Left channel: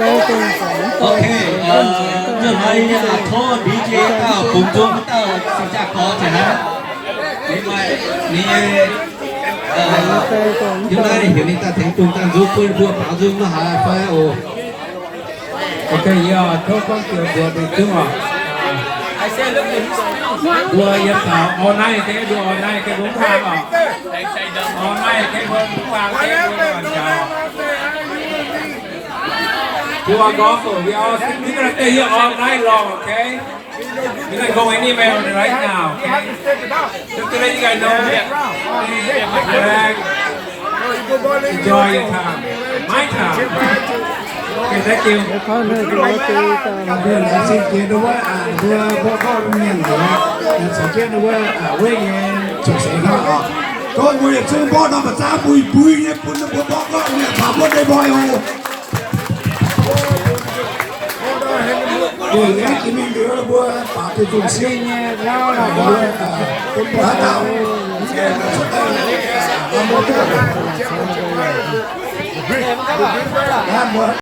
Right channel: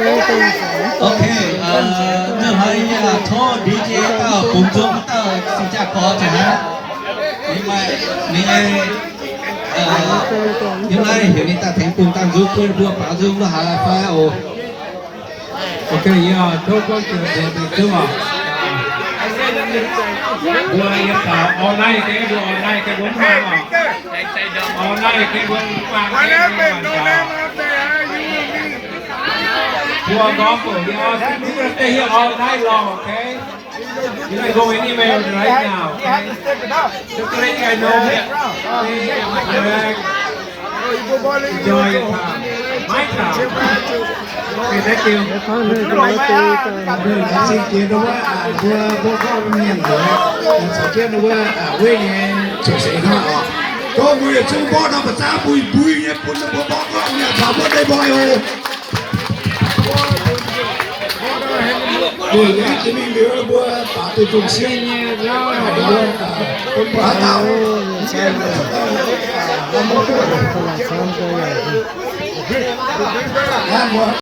Ok, như thấy thô DJ tao cùng chung tao xin chào có thể hát. Nhưng mà nhưng mà hiểu nên ta thấy cùng ta giúp quên vừa bảo giúp nó hay phải ồ. Ok, giờ thô con kiểu vừa được đúng không? Vừa hiện tạo online cái vừa online cái bốn hàng à? Online cái bốn hàng cái vừa hoàn chào. Vừa có của we are gonna stay here all night long, okay? You're not going anywhere right now. Okay? Just to let you guys know that enjoy your time. My time. Okay, thank you. Xin kiến đúng không ạ? Vừa bộ con nhìn của sẽ kiến đúng không ạ? Với nghe chủ sĩ không ạ? Có người chung bó nào mà ra bùi nhé, bùi bó con nhé, thả bó đây bòi hồ. Để lấy thì mình đưa bùa tạo từ vùng xuyên nhé, lo là bùa con bó tạo. Ngon quá.